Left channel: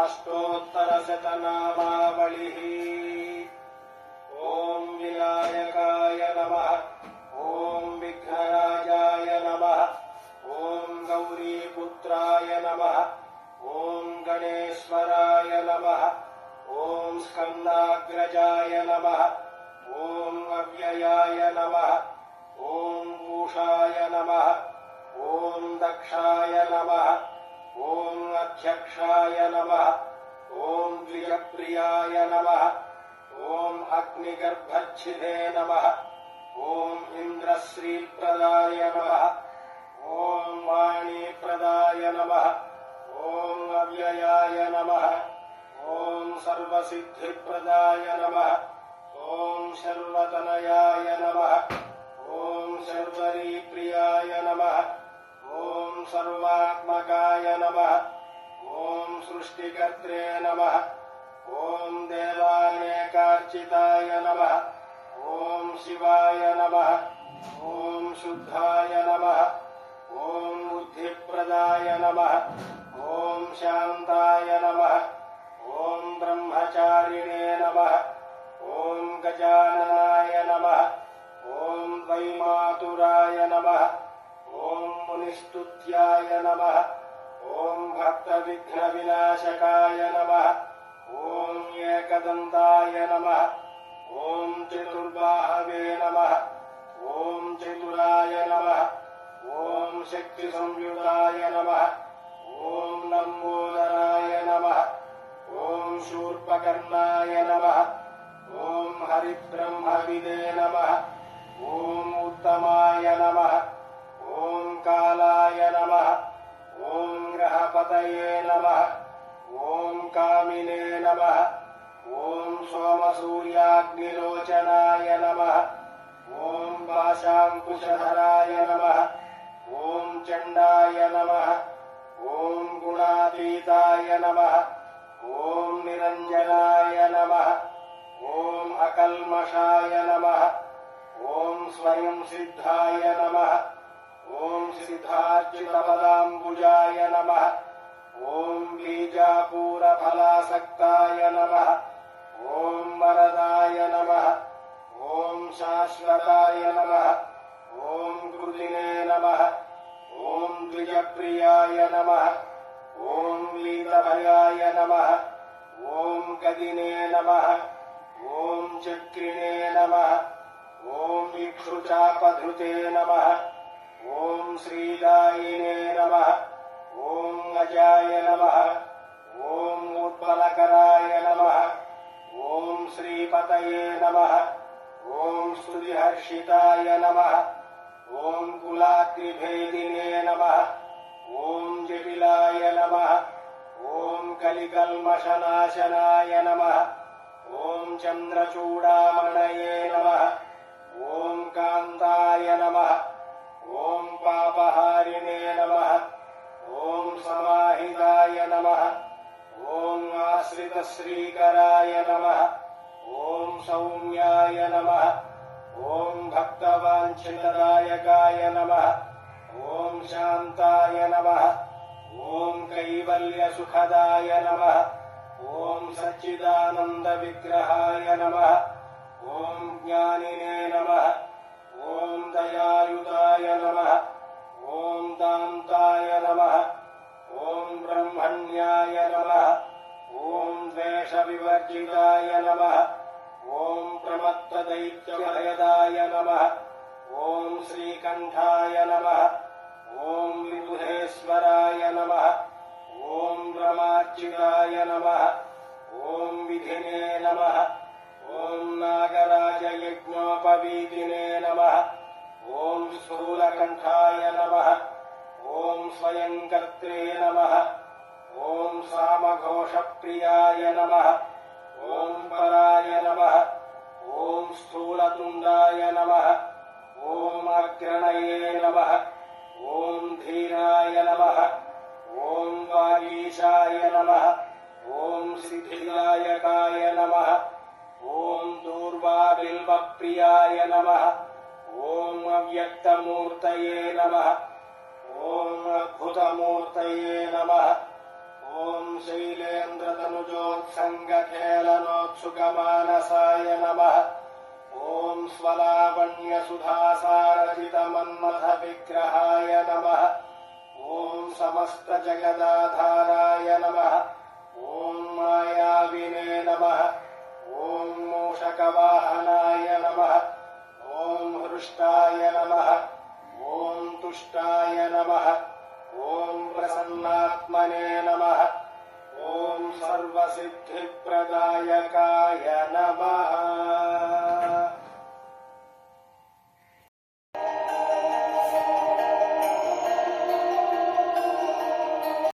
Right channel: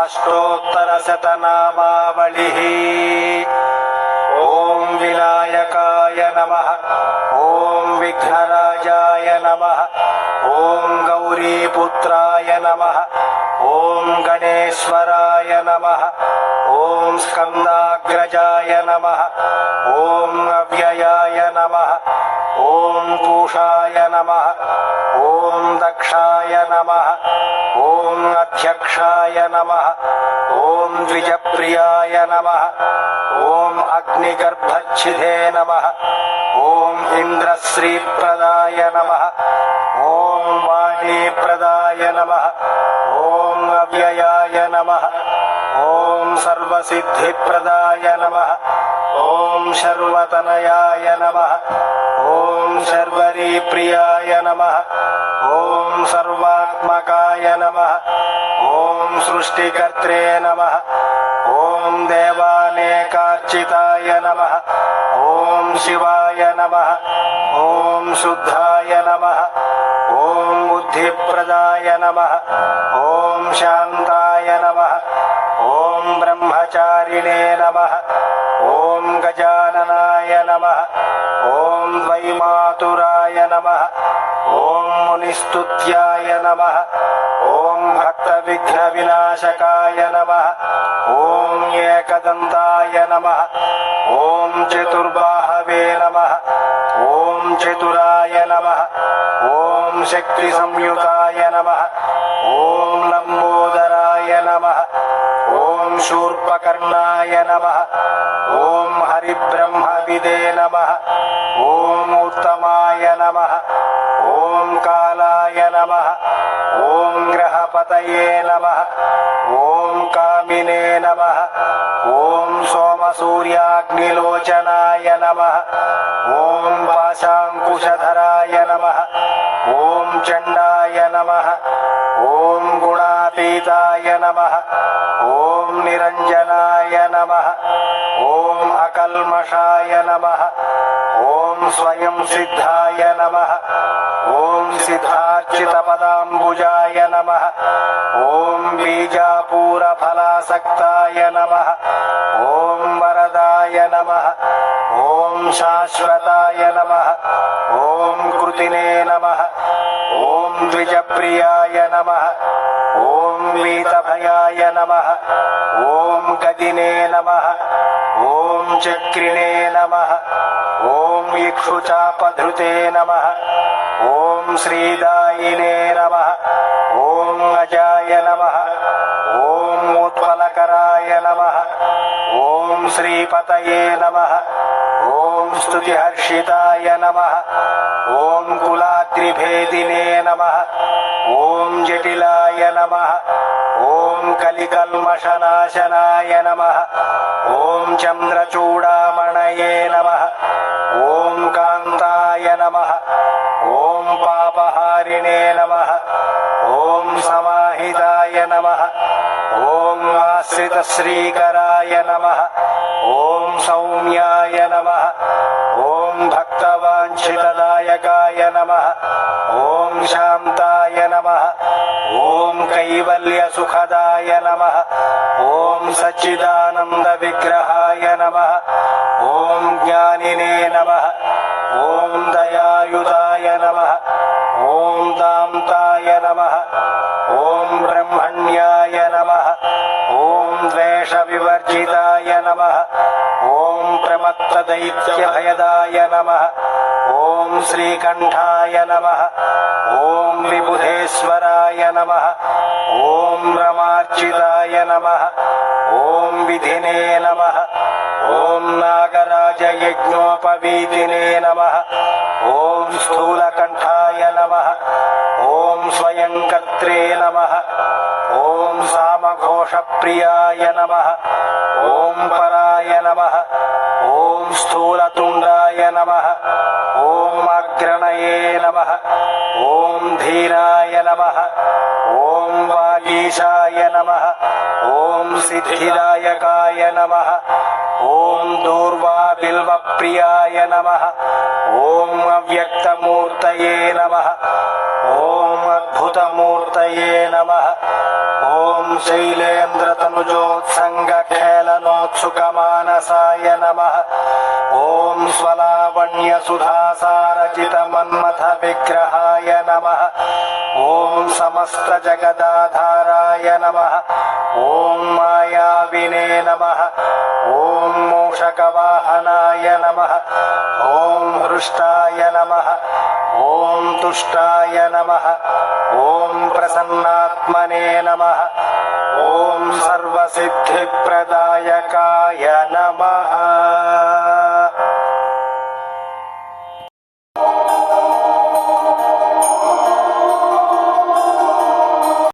अष्टोत्तरशतनामावलिः। ॐ विनायकाय नमः। ॐ विघ्नराजाय नमः। ॐ गौरीपुत्राय नमः। ॐ गणेश्वराय नमः। ॐ स्कन्दाग्रजाय नमः। ॐ अव्ययाय नमः। ॐ पूषाय नमः। ॐ दक्षाय नमः। ॐ अध्यक्षाय नमः। ॐ द्विजप्रियाय नमः। ॐ अग्निगर्भच्छिदे नमः। ॐ इन्द्रश्रीप्रदाय नमः। ॐ वाणीप्रदाय नमः। ॐ अव्ययाय नमः। ॐ सर्वसिद्धिप्रदाय नमः। ॐ शर्वतनयाय नमः। ॐ शर्वरीप्रियाय नमः। ॐ सर्वात्मकाय नमः। ॐ सृष्टिकर्त्रे नमः। ॐ देवानेकार्चिताय नमः। ॐ शिवाय नमः। ॐ शुद्धाय नमः। ॐ बुद्धिप्रदाय नमः। ॐ शान्ताय नमः। ॐ ब्रह्मचारिणे नमः। ॐ गजाननाय नमः। ॐ वैमातुराय नमः। ॐ मुनिस्तुत्याय नमः। ॐ भक्तविघ्नविनाशकाय नमः। ॐ एकदन्ताय नमः। ॐ चतुर्बाहवे नमः। ॐ चतुराय नमः। ॐ शक्तिसंयुताय नमः। ॐ लम्बोदराय नमः। ॐ शूर्पकर्णाय नमः। ॐ हरिब्रह्मविदे नमः। ॐ उत्तमाय नमः। ॐ कालाय नमः। ॐ ग्रहपतये नमः। ॐ कामिने नमः। ॐ सोमसूर्याग्निलोचनाय नमः। ॐ पाशाङ्कुशधराय नमः। ॐ चण्डाय नमः। ॐ गुणातीताय नमः। ॐ निरञ्जनाय नमः। ॐ अकल्मषाय नमः। ॐ स्वयं सिद्धाय नमः। ॐ सिद्धार्चितपदाम्बुजाय नमः। ॐ बीजापूरफलासक्ताय नमः। ॐ वरदाय नमः। ॐ शाश्वताय नमः। ॐ कृतिने नमः। ॐ द्विजप्रियाय नमः। ॐ वीतभयाय नमः। ॐ गदिने नमः। ॐ चक्रिणे नमः। ॐ इक्षुचापधृते नमः। ॐ श्रीदायिने नमः। ॐ अजाय नमः। ॐ उत्पलकराय नमः। ॐ श्रीपतये नमः। ॐ स्तुतिहर्षिताय नमः। ॐ कुलाद्रिभेदिने नमः। ॐ जटिलाय नमः। ॐ कलिकल्मषनाशनाय नमः। ॐ चन्द्रचूडामणये नमः। ॐ कान्ताय नमः। ॐ पापहारिणे नमः। ॐ समाहिताय नमः। ॐ आश्रितश्रीकराय नमः। ॐ सौम्याय नमः। ॐ भक्तवाञ्छितदायकाय नमः। ॐ शान्ताय नमः। ॐ कैवल्यसुखदाय नमः। ॐ सच्चिदानन्दविग्रहाय नमः। ॐ ज्ञानिने नमः। ॐ दयायुताय नमः। ॐ दान्ताय नमः। ॐ ब्रह्मण्याय नमः। ॐ द्वेषविवर्जिताय नमः। ॐ प्रमत्तदैत्यभयदाय नमः। ॐ श्रीकण्ठाय नमः। ॐ विबुधेश्वराय नमः। ॐ रमार्चिताय नमः। ॐ विधिने नमः। ॐ नागराजयज्ञोपवीतिने नमः। ॐ स्थूलकण्ठाय नमः। ॐ स्वयंकर्त्रे नमः। ॐ सामघोषप्रियाय नमः। ॐ पराय नमः। ॐ स्थूलतुण्डाय नमः। ॐ अग्रणये नमः। ॐ धीराय नमः। ॐ वागीशाय नमः। ॐ सिद्धिदायकाय नमः। ॐ दूर्वाबिल्वप्रियाय नमः। ॐ अव्यक्तमूर्तये नमः। ॐ अद्भुतमूर्तये नमः। ॐ शैलेन्द्रतनुजोत्सङ्गखेलनोत्सुकमानसाय नमः। ॐ स्वलावण्यसुधासारचितमन्मथविग्रहाय नमः। ॐ समस्तजगदाधाराय नमः। ॐ मायाविने नमः। ॐ मूषकवाहनाय नमः। ॐ हृष्टाय नमः। ॐ तुष्टाय नमः। ॐ प्रसन्नात्मने नमः। ॐ सर्वसिद्धिप्रदायकाय नमः।